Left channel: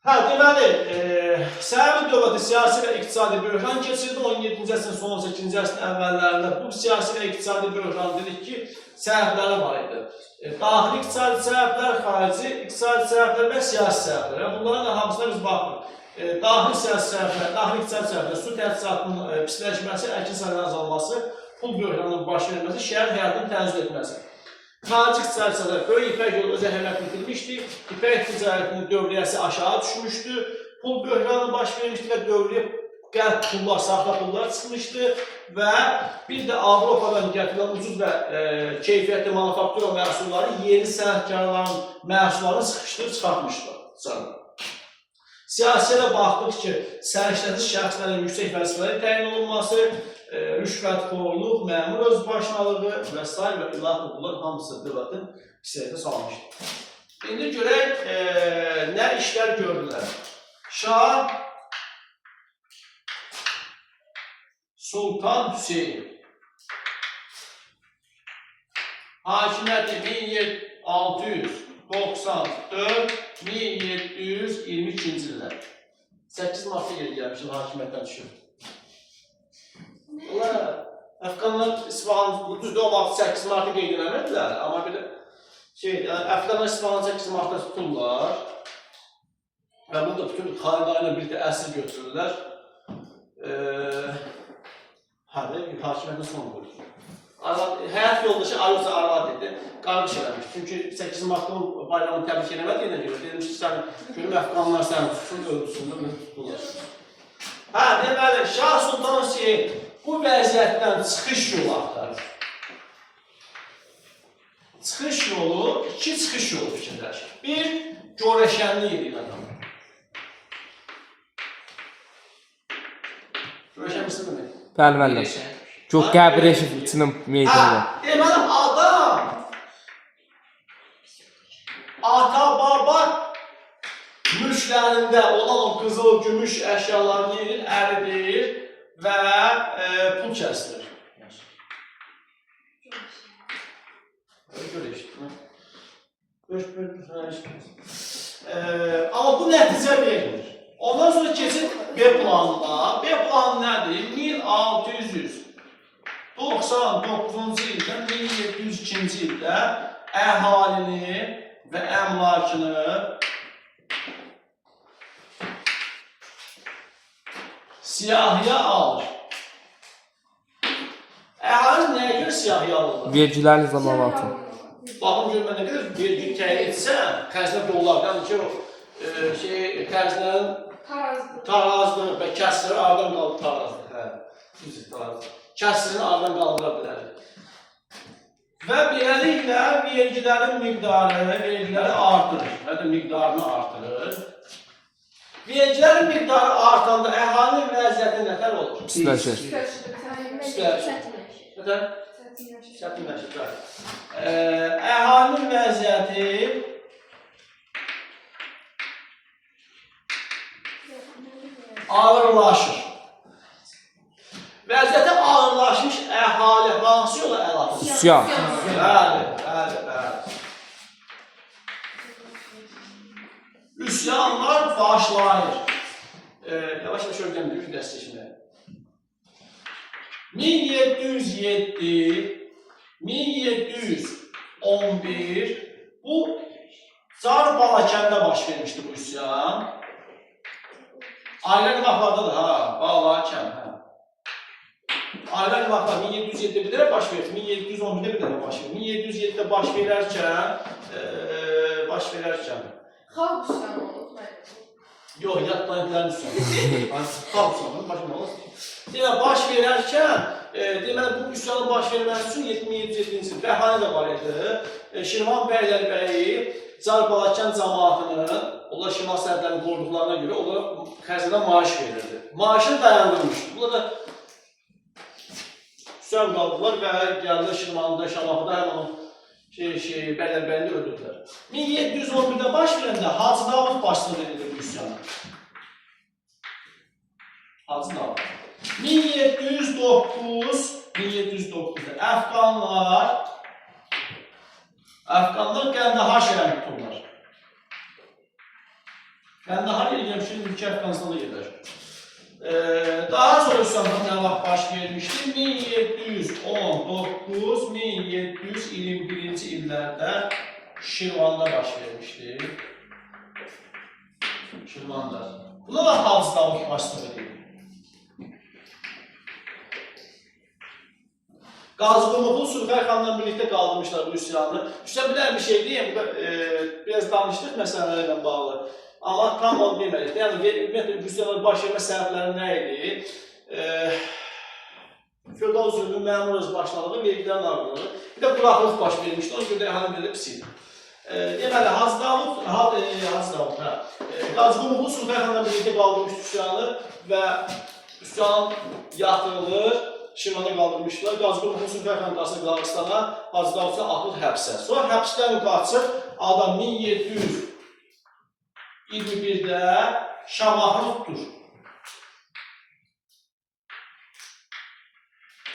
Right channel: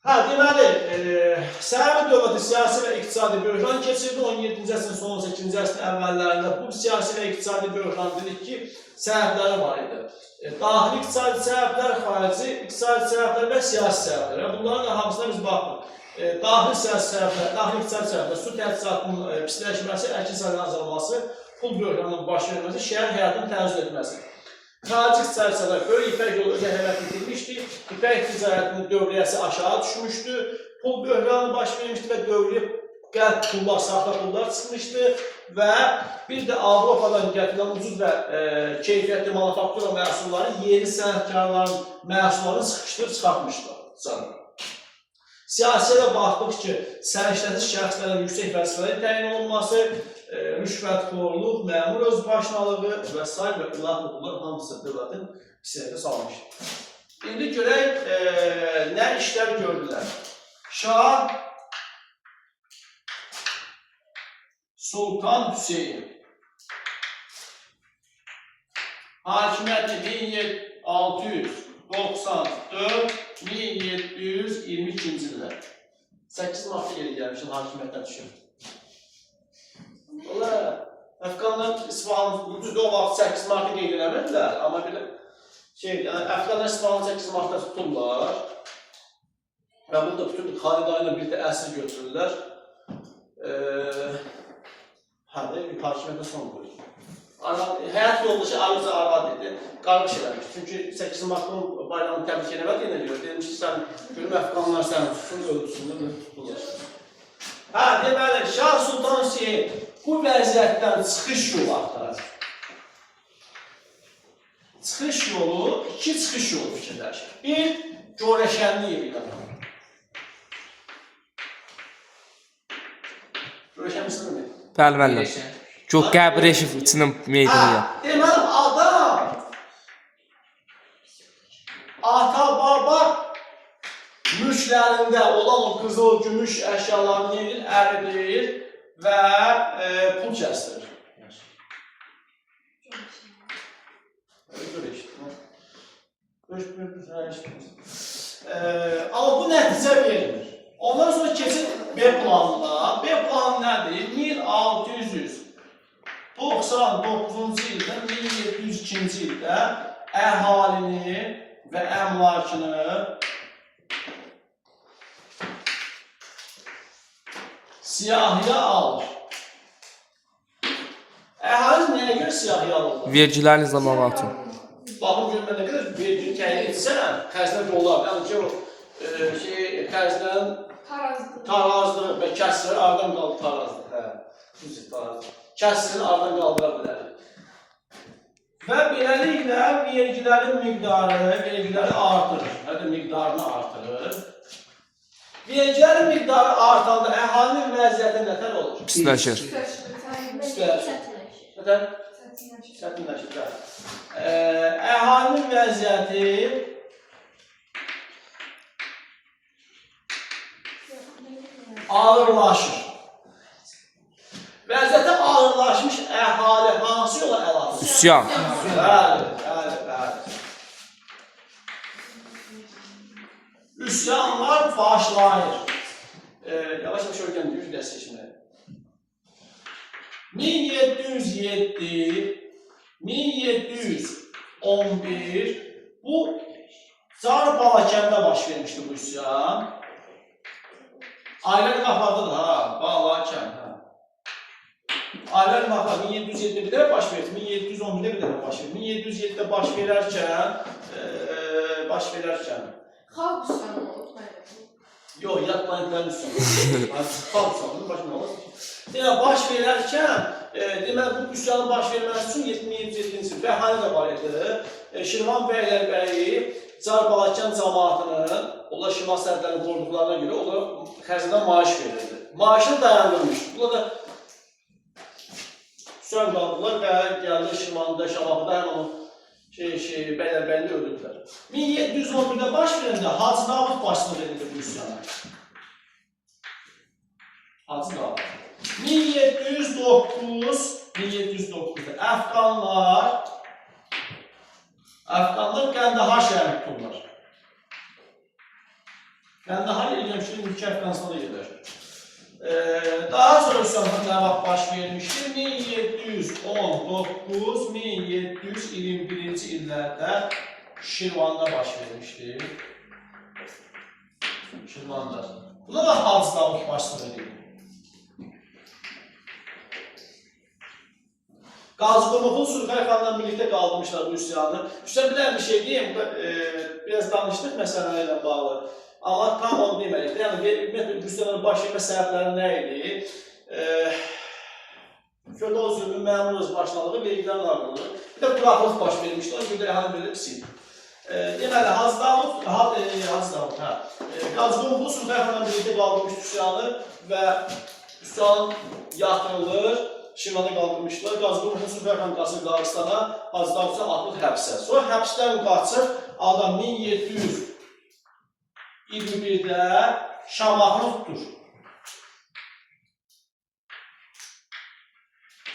Deməli, Səudiyyə dövləti siyasi və iqtisadi böhran keçirdi 17-ci əsrin son 18-ci əsrin əvvəllərində. Bu siyasi və iqtisadi böhran dedik ki, səbəbləri var idi. Daxili iqtisadi səbəblər, xarici iqtisadi səbəblər və siyasi səbəblər. Bunların hamısına biz baxırıq. Daxili siyasi səbəblər, daxili iqtisadi səbəblər, su təchizatının pisləşməsi, əkin sahəsinin azalması, pul böhranının baş verməsi, şəhər həyatını tənzim etməsi. Xarici iqtisadi səbəblər, böyük İpək yolu öz əhəmiyyətini itirmişdi, İpək ticarətinin dövriyyəsi aşağı düşmüşdü, pul böhranı baş vermişdi və dövriyə qəlb pullar, saxta pullar çıxmışdı və bir də Avropadan gətirilən ucuz və keyfiyyətli manufaktura məhsulları yeni sənətkarların məhsullarını sıxışdırıb çıxartmışdı. Siyasiyyətə baxdıq ki, səriştəsiz şəxslərin yüksək vəzifələri təyin olunması, rüşvətxorluq, məmur özbaşınalığı və sair və ilahi bunlar hamısı dövlətin hissədə salmışdır. İndi görək, nə işlər gördülər. Şah Sultan Hüseyin hakimiyyəti 1694-1722-ci illər. 8 martda geri gəlmişdir, hakimiyyətdən düşür. Əfqanlar İsfahan, düzdür o vaxt 8 martı qeyd eləmədilər, amma belə Əfqanlar İsfahan 8 martda tuturlar və burada bütün xanədanı birlikdə əsir götürürlər. Hakimiyyətə son qoyur. Həyat yoldaşı Arıca Arad idi, qarış eləmiş. Çünki 8 martın bayramını təbrik eləmədiyinə görə demiş ki, sən görüm Əfqanlar səni tutsun, öldürsün, tutulur. Deməli, Şah Sultan Hüseyin bu vəziyyətdən çıxış yolu axtarır. Çıxış yolu, iki çıxış yolu fikirləşir. Bir, görəşənlik edir adamı. Görəşənlik mi? Bəli. Qəbir eşifçinin meydana. Deməli, adam ata, baba mülklərində olan o qızıl, gümüş əşyalarını edir, əridir və pul kəsdirir. Amma bu nəticə verilmir. Ondan sonra keçir B planına. B planı nədir? 1699-cu ildən 1702-ci ildə əhalini və əmlakını siyahıya alır. Əhali nəyə görə siyahıya alırlar? Vergilərin zamanatı. Baxın görmə nə qədər vergi təyin etsən, xərclər dollardan ki, xərclərin tarazlığı və kəsrləri aradan qaldırar. Kəsrini aradan qaldıra bilər. Və beləliklə vergilərin miqdarı artırır. Hətta miqdarını artırır. Vergilərin miqdarı artanda əhalinin vəziyyəti nətər olur? Pisləşir. Çətinləşir. Əhalinin vəziyyəti ağırlaşır. Vəziyyətə ağırlaşmış əhali hansı yola əl atır? Üsyan. Bəli. Üsyanlar başlayır. Yavaş-yavaş ölkəm deyir, dəstəşməyə. 1707-1711 bu Çar Balakəndə baş vermişdi bu üsyan. Ailə qınaqlardadır Balakən. Ailə qınaqlar 1707-də bir dərə baş verir, 1711-də bir dərə baş verir. 1707-də baş verərkən Xalq üsyanı olur. Yox, yatmayınların üsyanı. Xalq üsyanının başına olur. Baş verərkən, deməli, bu üsyanın baş verməsi üçün 1707-ci il bəhanə də var idi. Şirvan Bəylərbəyi Çar Balakən cəmaatının, onlar şimal sərhədlərini qoruduqlarına görə onlara xərcədən maaş verirdi. Maaşını dayandırmışdı. Bunlar da üsyan qaldılar və gəldi Şirvanda, Şamahıda həmin o Bəylərbəyində öldürdülər. 1711-də baş verəndə Hacı Davud başçılıq edirdi bu üsyana. Hacı Davud. 1709-da Əfqanlar Qəndahar şəhərini tuturlar. Qəndahar eləyəm ki, ülkə Əfqanistanda gedir. Daha sonra üsyanlar nə vaxt baş vermişdir? 1719-1721-ci illərdə Şirvanda baş vermişdir. Şirvanda. Buna da Hacı Davud başçılıq edir. Qazıqulufun Sulxay xanla birlikdə qaldırmışlar bu üsyanı. Üstən bir şey deyim, biraz danışdıq məsələlərlə bağlı. Amma tam onu demədik. Yəni, ümumiyyətlə, bu üsyanların baş vermə səbəbləri nə idi? Feodal zülmün məmur öz başlalığı, vergilərin artırılığı. Bir də quraqlıq baş vermişdi, ona görə də əhalinin belə pis idi. Deməli, Qazıqulufun Sulxay xanla birlikdə qaldırmışdı üsyanı və üsyanın yatırılır. Şirvanda qaldırmışdılar. Qazıqulufun Sulxay xanın qaçır Qazaqstana, Hacı Davudsa atılır həbsə. Sonra həbsdən qaçır, adam 1721-də Şamaxını tutur.